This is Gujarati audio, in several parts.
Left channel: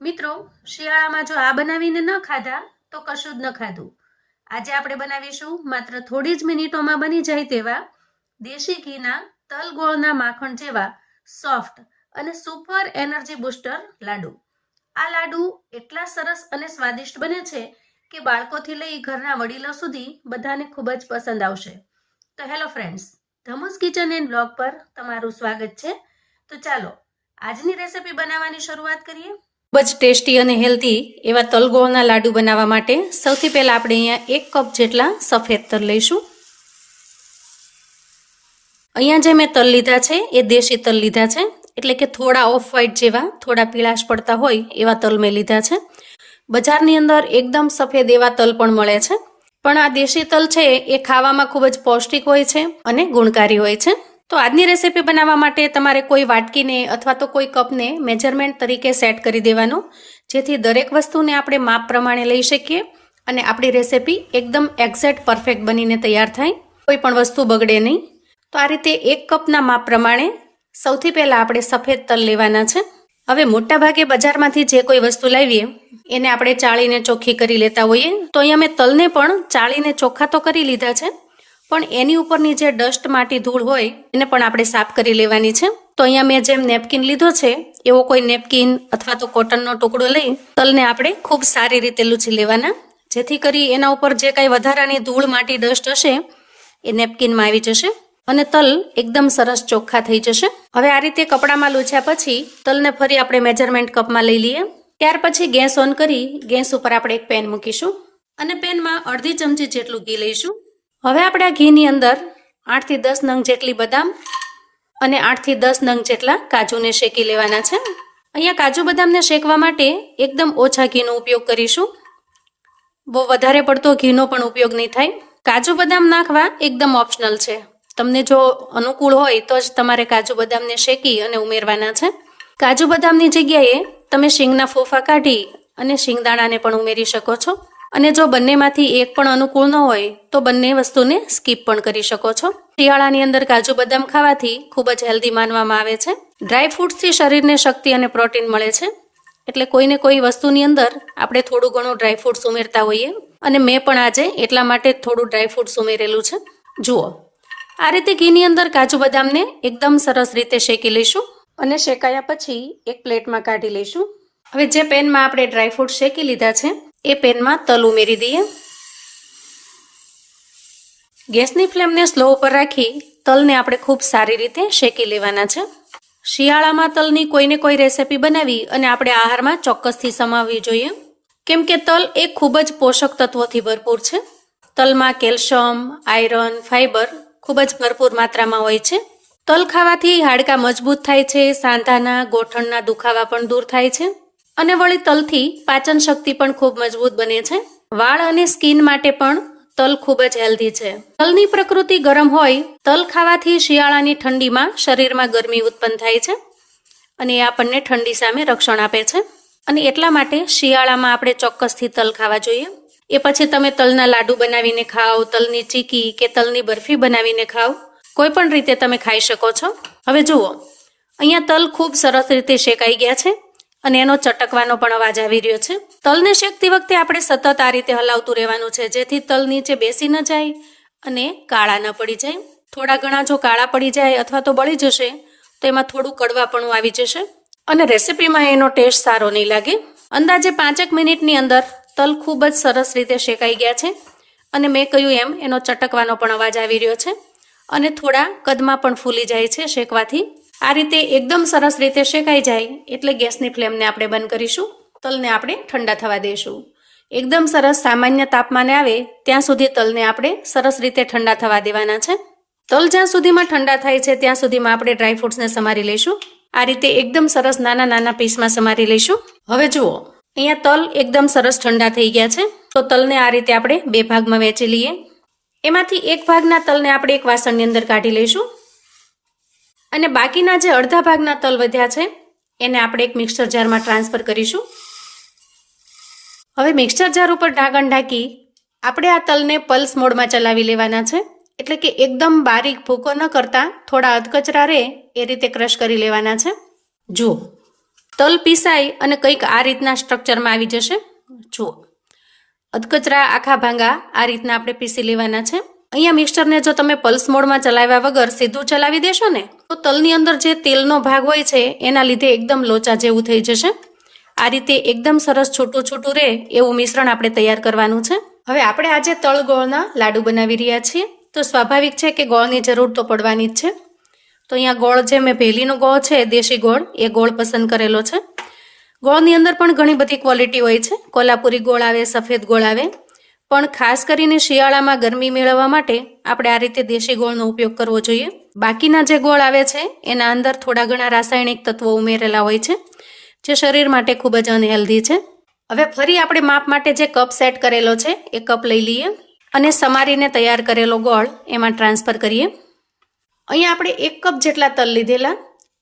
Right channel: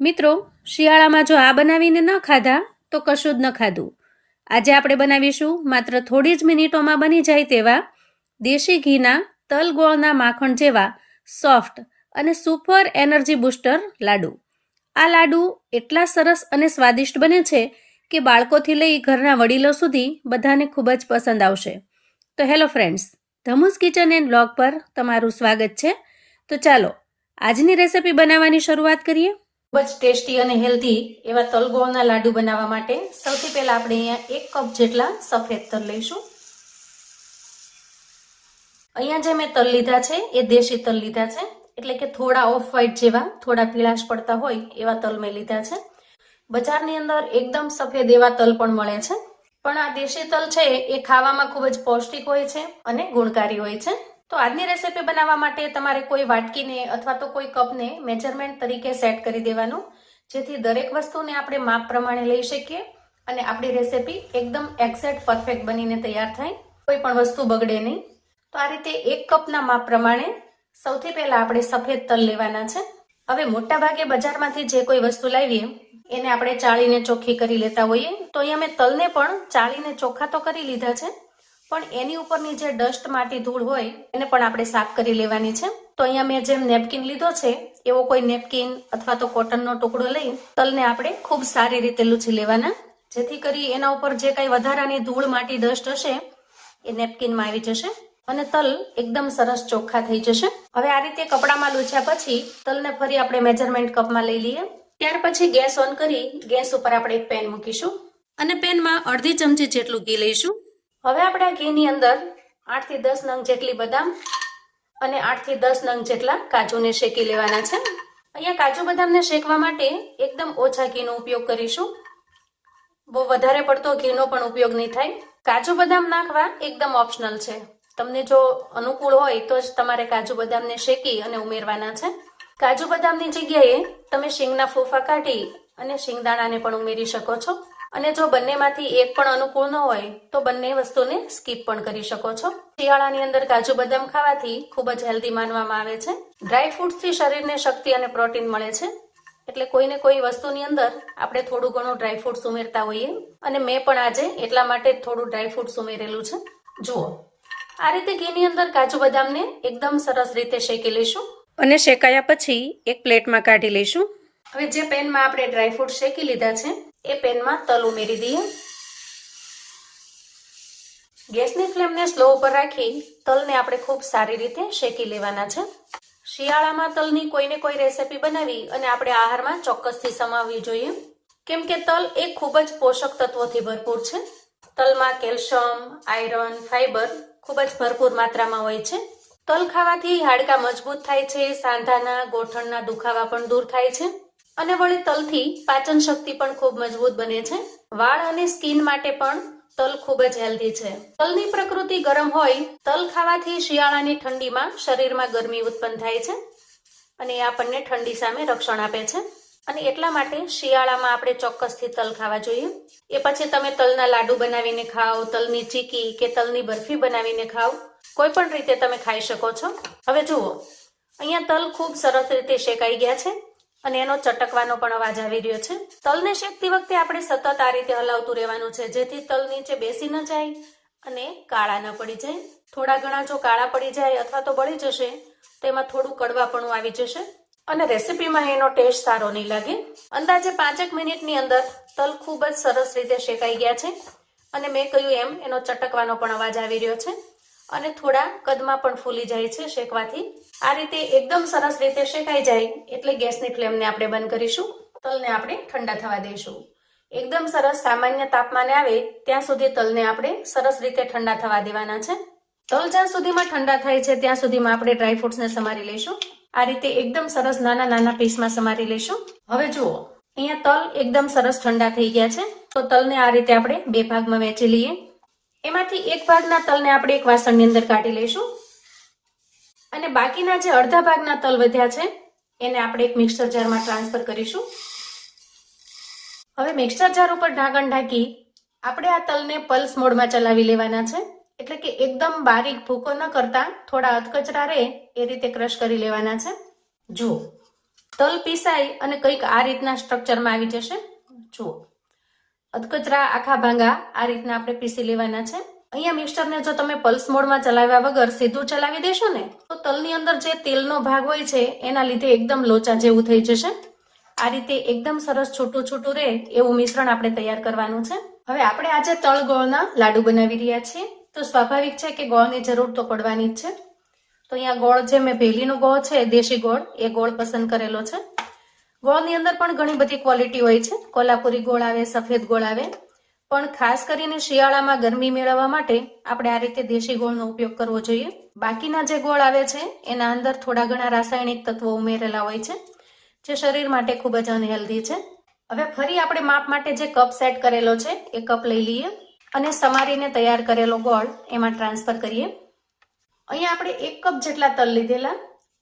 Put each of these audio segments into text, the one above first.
મિત્રો, શિયાળામાં જો આ બનાવીને ન ખાધા તો કશું જ ન ખાધું. આજે આપણે બનાવીશું માત્ર થોડી જ મિનિટોમાં બની જાય તેવા દેશી ઘીના તલ ગોળના માખણ જેવા સોફ્ટ અને સુપર એનર્જી બૂસ્ટર લાડુ. આ લાડુ એટલા સરસ અને સ્વાદિષ્ટ બને છે કે બાળકોથી લઈ ઘરના વડીલો સુધી બધાને ખૂબ જ પસંદ આવશે. તો hello friends, Dhamus kitchen and blog પર તમારું સ્વાગત છે. તો ચાલો આજની રેસિપી બનાવવાની શરૂઆત કરીએ. ખૂબ જ ટેસ્ટી અને હેલ્ધી એવા તલ ગોળના લાડુ બનાવવા માટે સૌથી પહેલાં આપણે અહીંયા 1 કપ જેટલા સફેદ તલ લઈશું. અહીંયા જે મેં તલ લીધા છે એ દેશી તલ લીધા છે, એટલે કે થોડા ઓફ વ્હાઇટ જેવા, થોડા પીળાશ પડતા હોય એવા તલ મેં લીધા છે. બજારની અંદર એકદમ સફેદ એવા તલ પણ મળે છે, પણ આ દેશી તલ છે એ ખાવામાં ખૂબ જ પૌષ્ટિક હોય છે અને ગુણકારી હોય છે. તો આજની રેસીપી બનાવવા માટે તમારે કોઈ વાટકીને અથવા તો કોઈ કપને મેજરમેન્ટ તરીકે સેટ કરી દેવાનો, જેથી દરેક વસ્તુને આપણે માપ પ્રમાણે લઈ શકીએ અને આપણી રેસીપી એકદમ એક્ઝેક્ટ પરફેક્ટ બનીને તૈયાર થાય, કોઈ પણ વસ્તુ બગડે નહીં. તો આ રીતે 1 કપના માપ પ્રમાણે સૌથી પહેલાં આપણે સફેદ તલ લેવાના છે. હવે મોટાભાગે બજારમાંથી જે કોઈ વસ્તુ લાવીએ એને આપણે ચાળીને ચોખ્ખી કરી લેતા હોઈએ, તો અહીંયા મેં તલને પણ ચાળીને ચોખ્ખા તો કરી લીધા છે, પણ એની ઉપરની જે ડસ્ટ માટી ધૂળ હોય એને પણ આપણે સાફ કરી લેવાની છે. તો અહીંયા મેં જેમ નેપકિન લીધો છે એવો કોઈ નેપકિન અથવા તો કોટનનો ટુકડો લઈ તલને આપણે ખૂબ સારી રીતે લૂછી લેવાના, જેથી કરી એના ઉપર જે કાંઈ વધારાની ધૂળ માટી ડસ્ટ હશે એ નેપકિનમાં આવી જશે અને તલ એકદમ સરસ ચોખ્ખા થઈ જશે. હવે આ રીતે કપડામાં લૂછ્યા પછી તલને ફરી આપણે મેજરમેન્ટ કપમાં લઈ લઈએ. ત્યાર પછી ગેસ ઓન કરી ગેસ ઉપર આપણે એક પેન મૂકીશું અને પેનમાં અડધી ચમચી જેટલું ઘી લઈશું. હવે આપણે આ ઘીની અંદર 8 થી 10 નંગ જેટલી બદામ અને 8 થી 10 નંગ જેટલા કાજુને શેકી લેવાના છે. અહીંયા કાજુ બદામને શેકવા માટે એકદમ ઓછા ઘીનો ઉપયોગ કરીશું, બહુ વધારે પડતો ઘીનો પણ ઉપયોગ નહીં થાય. કાજુ બદામ નાખવા એકદમ ઓપ્શનલ છે, તમને જો અનુકૂળ હોય તો જ તમારે કાજુ બદામને શેકી અને ઉમેરવાના છે. કાજુ બદામની જગ્યાએ તમે શીંગના ફોફા કાઢી અને શીંગદાણાને પણ ઉમેરી શકો છો, અને જો બંનેમાંથી એક પણ અનુકૂળ ન હોય તો બંને વસ્તુને સ્કીપ પણ કરી શકો છો. શિયાળાની અંદર કાજુ બદામ ખાવાથી ખૂબ જ હેલ્ધી માનવામાં આવે છે. ડ્રાય ફ્રૂટ્સથી શરીરને શક્તિ અને પ્રોટીન મળે છે, એટલે કોઈને કોઈ વસ્તુની અંદર આપણે થોડું ઘણું ડ્રાય ફ્રૂટ્સ ઉમેરતા હોઈએ, અને મેં પણ આજે એટલા માટે થોડું ડ્રાય ફ્રૂટ્સ ઉમેરેલું છે. જુઓ, આ રીતે ઘીની અંદર કાજુ બદામને એકદમ સરસ રીતે શેકી લઈશું અને શેકાયા પછી એક પ્લેટમાં કાઢી લઈશું. હવે જે પેનમાં આપણે ડ્રાયફ્રૂટ શેકી લીધા છે એ પેનમાં તલ ઉમેરી દઈએ. ગેસની ફ્લેમને સ્લો ઉપર રાખી તલને આપણે ખૂબ સારી રીતે શેકી લેવાના છે. શિયાળામાં તલની કોઈને કોઈ રેસીપી બનાવી અને આપણે આહારમાં ચોક્કસથી સમાવવી જોઈએ, કેમ કે તલ એ ખૂબ જ પોષક તત્વોથી ભરપૂર છે. તલમાં કેલ્શિયમ, આયરન, ફાઇબર ખૂબ જ ભરપૂર માત્રામાં હોય છે. તલ ખાવાથી હાડકાં મજબૂત થાય છે, સાંધાના ગોઠણના દુખાવા પણ દૂર થાય છે, અને વળી તલથી પાચન શક્તિ પણ ખૂબ મજબૂત બને છે. વાળ અને સ્કિન માટે પણ તલ ખૂબ જ હેલ્ધી છે. તલની પ્રકૃતિ ગરમ હોય, તલ ખાવાથી શિયાળાની ઠંડીમાં શરીરમાં ગરમી ઉત્પન્ન થાય છે અને એ આપણને ઠંડી સામે રક્ષણ આપે છે, અને એટલા માટે શિયાળામાં આપણે ચોક્કસથી તલ ખાવા જોઈએ. એ પછી તમે તલના લાડુ બનાવીને ખાઓ, તલની ચીકી કે તલની બરફી બનાવીને ખાઓ, કોઈ પણ રીતે તમે ખાઈ શકો છો. હવે જુઓ, અહીંયા તલ ખૂબ સરસ રીતે શેકાઈ ગયા છે અને એનો ચટકવાનો પણ અવાજ આવી રહ્યો છે. તલને શેકતી વખતે આપણે સતત આ રીતે હલાવતું રહેવાનું છે, જેથી તલ નીચે બેસી ન જાય અને કાળા ન પડી જાય. થોડા ઘણા જો કાળા પડી જાય અથવા તો બળી જશે તો એમાં થોડું કડવાપણું આવી જશે અને રેસીપીમાં એનો ટેસ્ટ સારો નહીં લાગે. અંદાજે 5 મિનિટની અંદર તલ ખૂબ જ સરસ રીતે શેકાઈ ગયા છે અને મેં કહ્યું એમ એનો ચટકવાનો પણ અવાજ આવી રહ્યો છે અને થોડા કદમાં પણ ફૂલી જાય છે શેકવાથી. આ રીતે એકદમ સરસ રીતે શેકાઈ જાય એટલે ગેસની ફ્લેમને આપણે બંધ કરીશું. તલને આપણે ઠંડા થવા દઈશું. એકદમ સરસ સામાન્ય તાપમાને આવે ત્યાં સુધી તલને આપણે સરસ રીતે ઠંડા થવા દેવાના છે. તલ જ્યાં સુધીમાં ઠંડા થાય છે ત્યાં સુધીમાં આપણે ડ્રાયફ્રૂટ્સને સમારી લઈશું. આ રીતે એકદમ સરસ નાના નાના પીસમાં સમારી લઈશું. હવે જુઓ, અહીંયા તલ એકદમ સરસ ઠંડા થઈ ગયા છે, તો તલને આ રીતે આપણે 2 ભાગમાં વહેંચી લઈએ. એમાંથી એક ભાગના તલને આપણે એક વાસણની અંદર કાઢી લઈશું અને બાકીના જે અડધા ભાગના તલ વધ્યા છે એને આપણે એક મિક્સર જારમાં ટ્રાન્સફર કરીશું. હવે મિક્સર જાર ઉપર ઢાંકણ ઢાંકી આપણે આ તલને પલ્સ મોડમાં ચલાવી લેવાના છે, એટલે કે એકદમ બારીક ભૂકો ન કરતા થોડા અધકચરા રહે એ રીતે ક્રશ કરી લેવાના છે. જુઓ, તલ પીસાઈ અને કંઈક આ રીતના સ્ટ્રક્ચરમાં આવી જશે. જુઓ, અધકચરા આખા ભાંગા આ રીતના આપણે પીસી લેવાના છે. અહીંયા મિક્સરને જો તમે પલ્સ મોડમાં ચલાવ્યા વગર સીધું ચલાવી દેશો ને તો તલની અંદર જે તેલનો ભાગ હોય છે એના લીધે એકદમ લોચા જેવું થઈ જશે. આ રીતે એકદમ સરસ છૂટું છૂટું રહે એવું મિશ્રણ આપણે તૈયાર કરવાનું છે. હવે આપણે આજે તલ ગોળના લાડુ બનાવી રહ્યા છીએ, તો સ્વાભાવિક છે કે ગોળની જરૂર તો પડવાની જ છે. તો અહીંયા ગોળ જે મેં ભેલીનો ગોળ છે, દેશી ગોળ, એ ગોળ પસંદ કરેલો છે. ગોળની અંદર પણ ઘણી બધી ક્વોલિટી હોય છે. કોલ્હાપુરી ગોળ આવે, સફેદ ગોળ આવે, પણ ખાસ કરીને શિયાળામાં ગરમી મેળવવા માટે આપણે આ રીતે દેશી ગોળનો ઉપયોગ કરવો જોઈએ. બાકીના જે ગોળ આવે છે એના અંદર થોડા ઘણા રાસાયણિક તત્વો ઉમેરેલા હોય છે, જે શરીર માટે ખૂબ જ અનહેલ્ધી છે. હવે ફરી આપણે માપ માટે જે કપ સેટ કરેલો છે એ કપ લઈ લઈએ અને સમારીને તૈયાર કરેલો ગોળ એમાં ટ્રાન્સફર કરીએ. અહીંયા આપણે 1 કપ જેટલા તલ લીધેલા,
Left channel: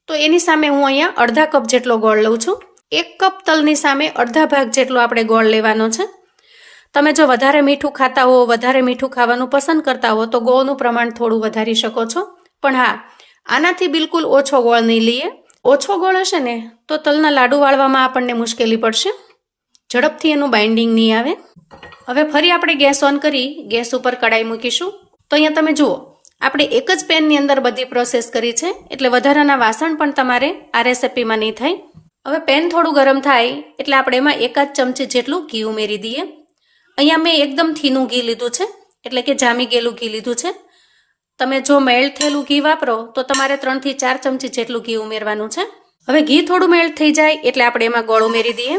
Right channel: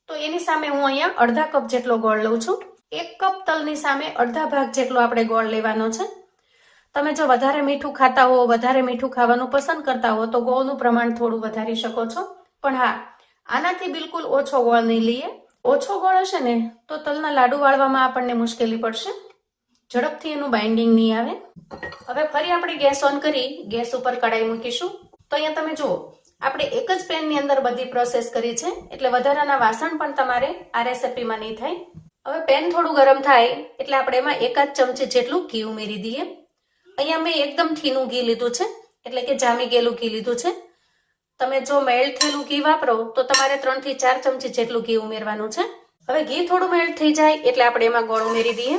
તો એની સામે હું અહીંયા અડધા કપ જેટલો ગોળ લઉં છું. 1 કપ તલની સામે અડધા ભાગ જેટલો આપણે ગોળ લેવાનો છે. તમે જો વધારે મીઠું ખાતા હો, વધારે મીઠું ખાવાનું પસંદ કરતા હો તો ગોળનું પ્રમાણ થોડું વધારી શકો છો. પણ હા, આનાથી બિલકુલ ઓછો ગોળ નહીં લઈએ. ઓછો ગોળ હશે ને તો તલના લાડુ વાળવામાં આપણને મુશ્કેલી પડશે, ઝડપથી એનું બાઇન્ડિંગ નહીં આવે. હવે ફરી આપણે ગેસ ઓન કરી ગેસ ઉપર કડાઈ મૂકીશું. તો અહીંયા તમે જુઓ, આપણે એક જ પેનની અંદર બધી પ્રોસેસ કરી છે, એટલે વધારાના વાસણ પણ તમારે આ રેસિપીમાં નહીં થાય. હવે પેન થોડું ગરમ થાય એટલે આપણે એમાં 1 જ ચમચી જેટલું ઘી ઉમેરી દઈએ. અહીંયા મેં એકદમ થીનું ઘી લીધું છે, એટલે કે જામી ગયેલું ઘી લીધું છે. તમે જો મેલ્ટ થયેલું ઘી વાપરો તો તમારે 3 થી 4 ચમચી જેટલું ઘી ઉમેરવાનું છે. હવે ઘી થોડું મેલ્ટ થઈ જાય એટલે આપણે એમાં ગોળ ઉમેરી દઈએ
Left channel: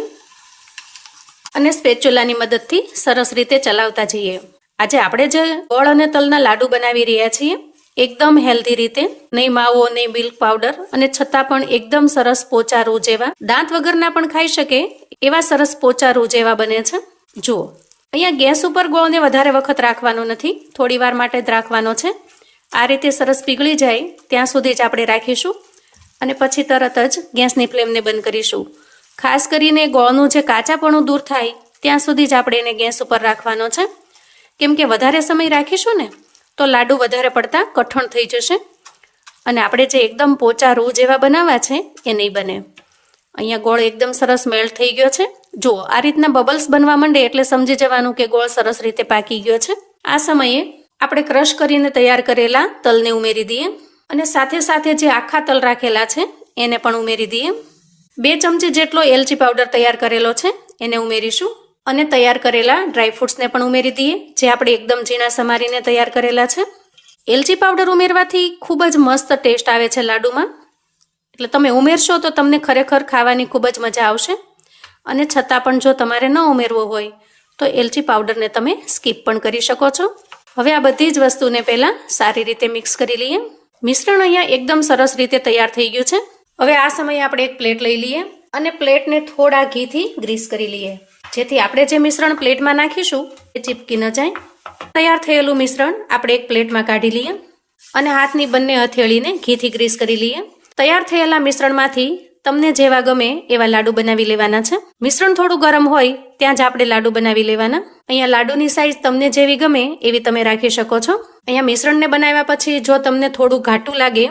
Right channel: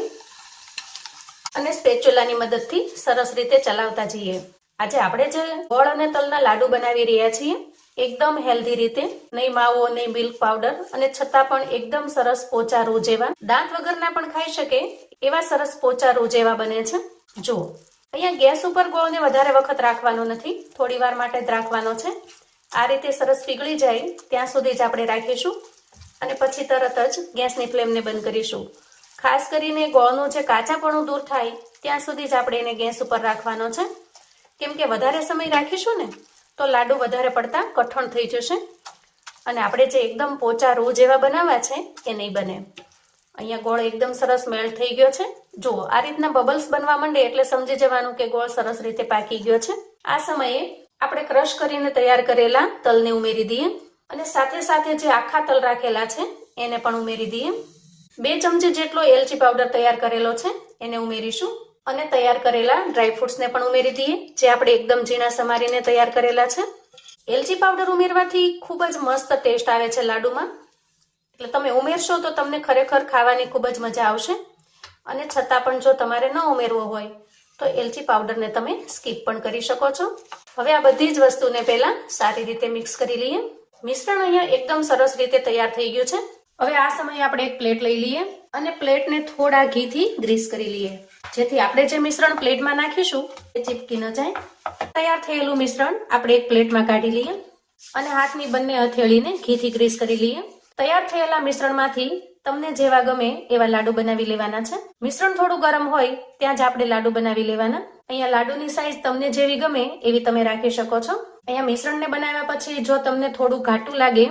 અને સ્પેચ્યુલાની મદદથી સરસ રીતે ચલાવતા જઈએ. આજે આપણે જે ગોળ અને તલના લાડુ બનાવી રહ્યા છીએ એકદમ હેલ્ધી રીતે, નહીં માવો નહીં મિલ્ક પાવડર, અને છતાં પણ એકદમ સરસ પોચા રૂ જેવા, દાંત વગરના પણ ખાઈ શકે એવા સરસ પોચા રૂ જેવા બને છે. જુઓ, અહીંયા ગેસ ઉપર ગોળને વધારે વખત રાખવાનો નથી, થોડી વાર માટે જ રાખવાનો છે. આ રીતે સરસ પીગળી જાય ત્યાં સુધી જ આપણે રાખીશું અને પછી તરત જ ગેસની ફ્લેમને બંધ કરીશું. ખાસ કરીને ગોળનું જે કાચાપણું દૂર થાય ત્યાં સુધી જ આપણે એને ગેસ ઉપર રાખવાનો છે, કેમ કે વધારે સમય રાખીશું ને તો લાડુ વધારે પડતા કઠણ થઈ જશે અને આપણે જે એકદમ પોચા રૂ જેવા બનાવવા છે એ નહીં બને. અહીંયા ગોળ એકદમ સરસ મેલ્ટ થઈ ગયો છે. જુઓ, આ રીતના બબલ્સ બનવા માંડે એટલે સમજી જવાનું કે ગોળ સરસ રીતે પાકી ગયો છે. આ સમયે આપણે ક્રશ કરીને તૈયાર કરેલા તલને ઉમેરી દઈએ અને સાથે સાથે જે આખા તલ રાખેલા છે એને પણ ઉમેરી દઈએ. 2 ચમચી જેટલો એલચી પાવડર તૈયાર કરેલો છે એને ઉમેરીશું અને તૈયાર કરેલા ડ્રાયફ્રૂટ્સને પણ ઉમેરી દઈએ, જે આપણે એકદમ ઝીણા સમારીને તૈયાર કરેલા છે. એલચી પાવડર ઉમેરવાથી ખૂબ જ મસ્ત ટેસ્ટ આવે છે લાડુમાં, એટલે તમે ઉમેરશો તો તમને ખરેખર ખાવાની ખૂબ જ મજા આવશે. અને છતાં પણ જો તમારે ન ઉમેરવો હોય તો એલચી પાવડરને તમે સ્કીપ પણ કરી શકો છો. હવે આ બધી જ વસ્તુને પહેલાં સારી રીતે મિક્સ કરી લઈએ. મિશ્રણ અહીંયા એકદમ સરસ રીતે તૈયાર થઈ ગયું છે. હવે આ સમયે આપણે એક પ્લેટ લઈ લઈએ અને પ્લેટને થોડા ઘીથી ગ્રીસ કરી લઈએ, જેથી આપણે જે મિશ્રણ પ્લેટમાં નાખીશું એ ચીપકી ન જાય. તૈયાર થયેલું મિશ્રણ આપણે એક પ્લેટમાં કાઢી લઈએ અને હાથની બંને હથેળીને ઘીથી ગ્રીસ કરી લઈએ. તૈયાર થયેલા મિશ્રણમાંથી તમને જેવા ગમે એવા લાડુ બનાવી લેવાના છે. મિશ્રણ થોડું ગરમ હોય ત્યાં જ આપણે લાડુ બનાવી લેવાના. અહીંયા લાડુની સાઈઝ તમને જેવી ગમે એવી તમે રાખી શકો છો. અહીંયા મિશ્રણને બનાવ્યા પછી જો તમને થોડું ઘાટું લાગે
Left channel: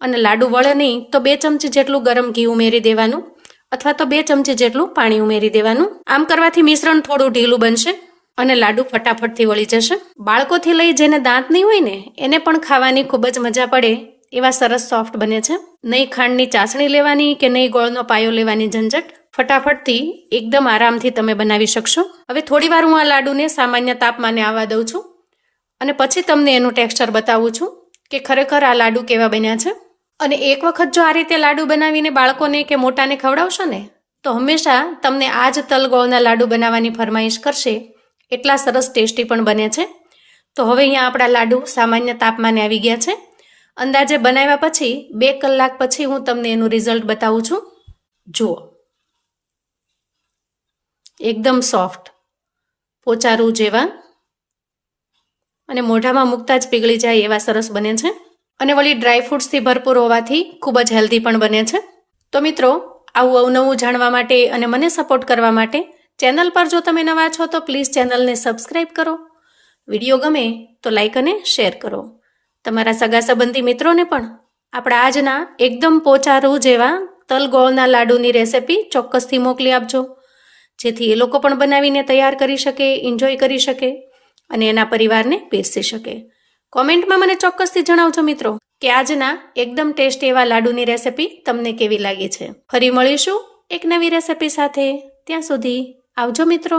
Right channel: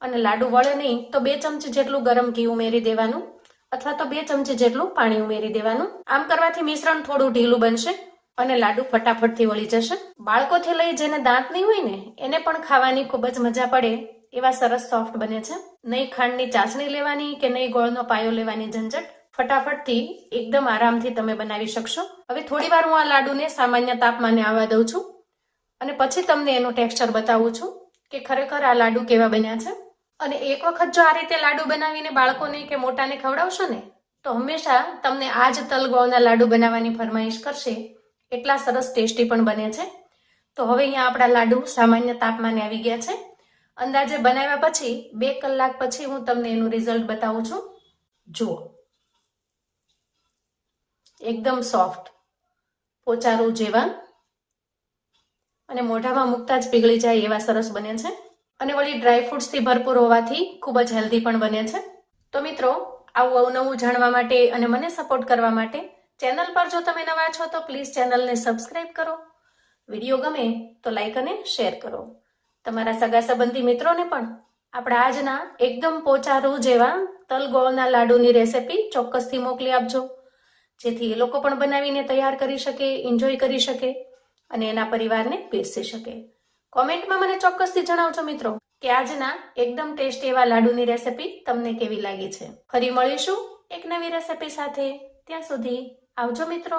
અને લાડુ વળે નહીં તો 2 ચમચી જેટલું ગરમ ઘી ઉમેરી દેવાનું અથવા તો 2 ચમચી જેટલું પાણી ઉમેરી દેવાનું. આમ કરવાથી મિશ્રણ થોડું ઢીલું બનશે અને લાડુ ફટાફટથી વળી જશે. બાળકોથી લઈ જેને દાંત નહીં હોય ને એને પણ ખાવાની ખૂબ જ મજા પડે એવા સરસ સોફ્ટ બને છે. નહીં ખાંડની ચાસણી લેવાની કે નહીં ગોળનો પાયો લેવાની ઝંઝટ, ફટાફટથી એકદમ આરામથી તમે બનાવી શકશો. હવે થોડી વાર હું આ લાડુને સામાન્ય તાપમાને આવવા દઉં છું અને પછી તમને એનું ટેક્સચર બતાવું છું કે ખરેખર આ લાડુ કેવા બન્યા છે. અને એક વખત જો આ રીતે લાડુ બનાવીને બાળકોને કે મોટાને ખવડાવશો ને તો હંમેશા તમને આ જ તલ ગોળના લાડુ બનાવવાની ફરમાઈશ કરશે. એટલા સરસ ટેસ્ટી પણ બને છે. તો હવે અહીંયા આપણા લાડુ સામાન્ય તાપમાને આવી ગયા છે. અંદાજે બનાવ્યા પછી 2 કલાક પછી હું તમને એનું રિઝલ્ટ બતાવું છું. જુઓ, એકદમ સોફ્ટ, પોચા રૂ જેવા અને મોઢામાં મૂકતા જ પીગળી જાય એવા સરસ બને છે. અને વળી ડ્રાયફ્રૂટ્સથી ભરપૂર હોવાથી ખૂબ જ હેલ્ધી પણ બને છે. તો મિત્રો, આવું અવનવું જાણવા માટે અને મને સપોર્ટ કરવા માટે ચેનલ પર જો તમે નવા છો તો પ્લીઝ ચેનલને સબસ્ક્રાઈબ કરો. વિડીયો ગમે તો લાઈક અને શેર કરો. તમારા સગા સંબંધી મિત્રોને પણ આપણા આજના એકદમ પોચા રૂ જેવા તલ ગોળના લાડુની રેસિપી ચોક્કસથી મોકલી આપજો, જેથી એ લોકો પણ બનાવીને તૈયાર કરી શકે, એન્જોય કરી શકે અને એના પરિવારને પીરસી શકે. કોમેન્ટમાં મને ચોક્કસથી જણાવજો મિત્રો કે આજના એકદમ ટેસ્ટી એવા લાડુની રેસિપી તમને કેવી લાગી છે. ફરી મળીશું એક નવી રેસિપી સાથે. ત્યાં સુધી આવજો મિત્રો.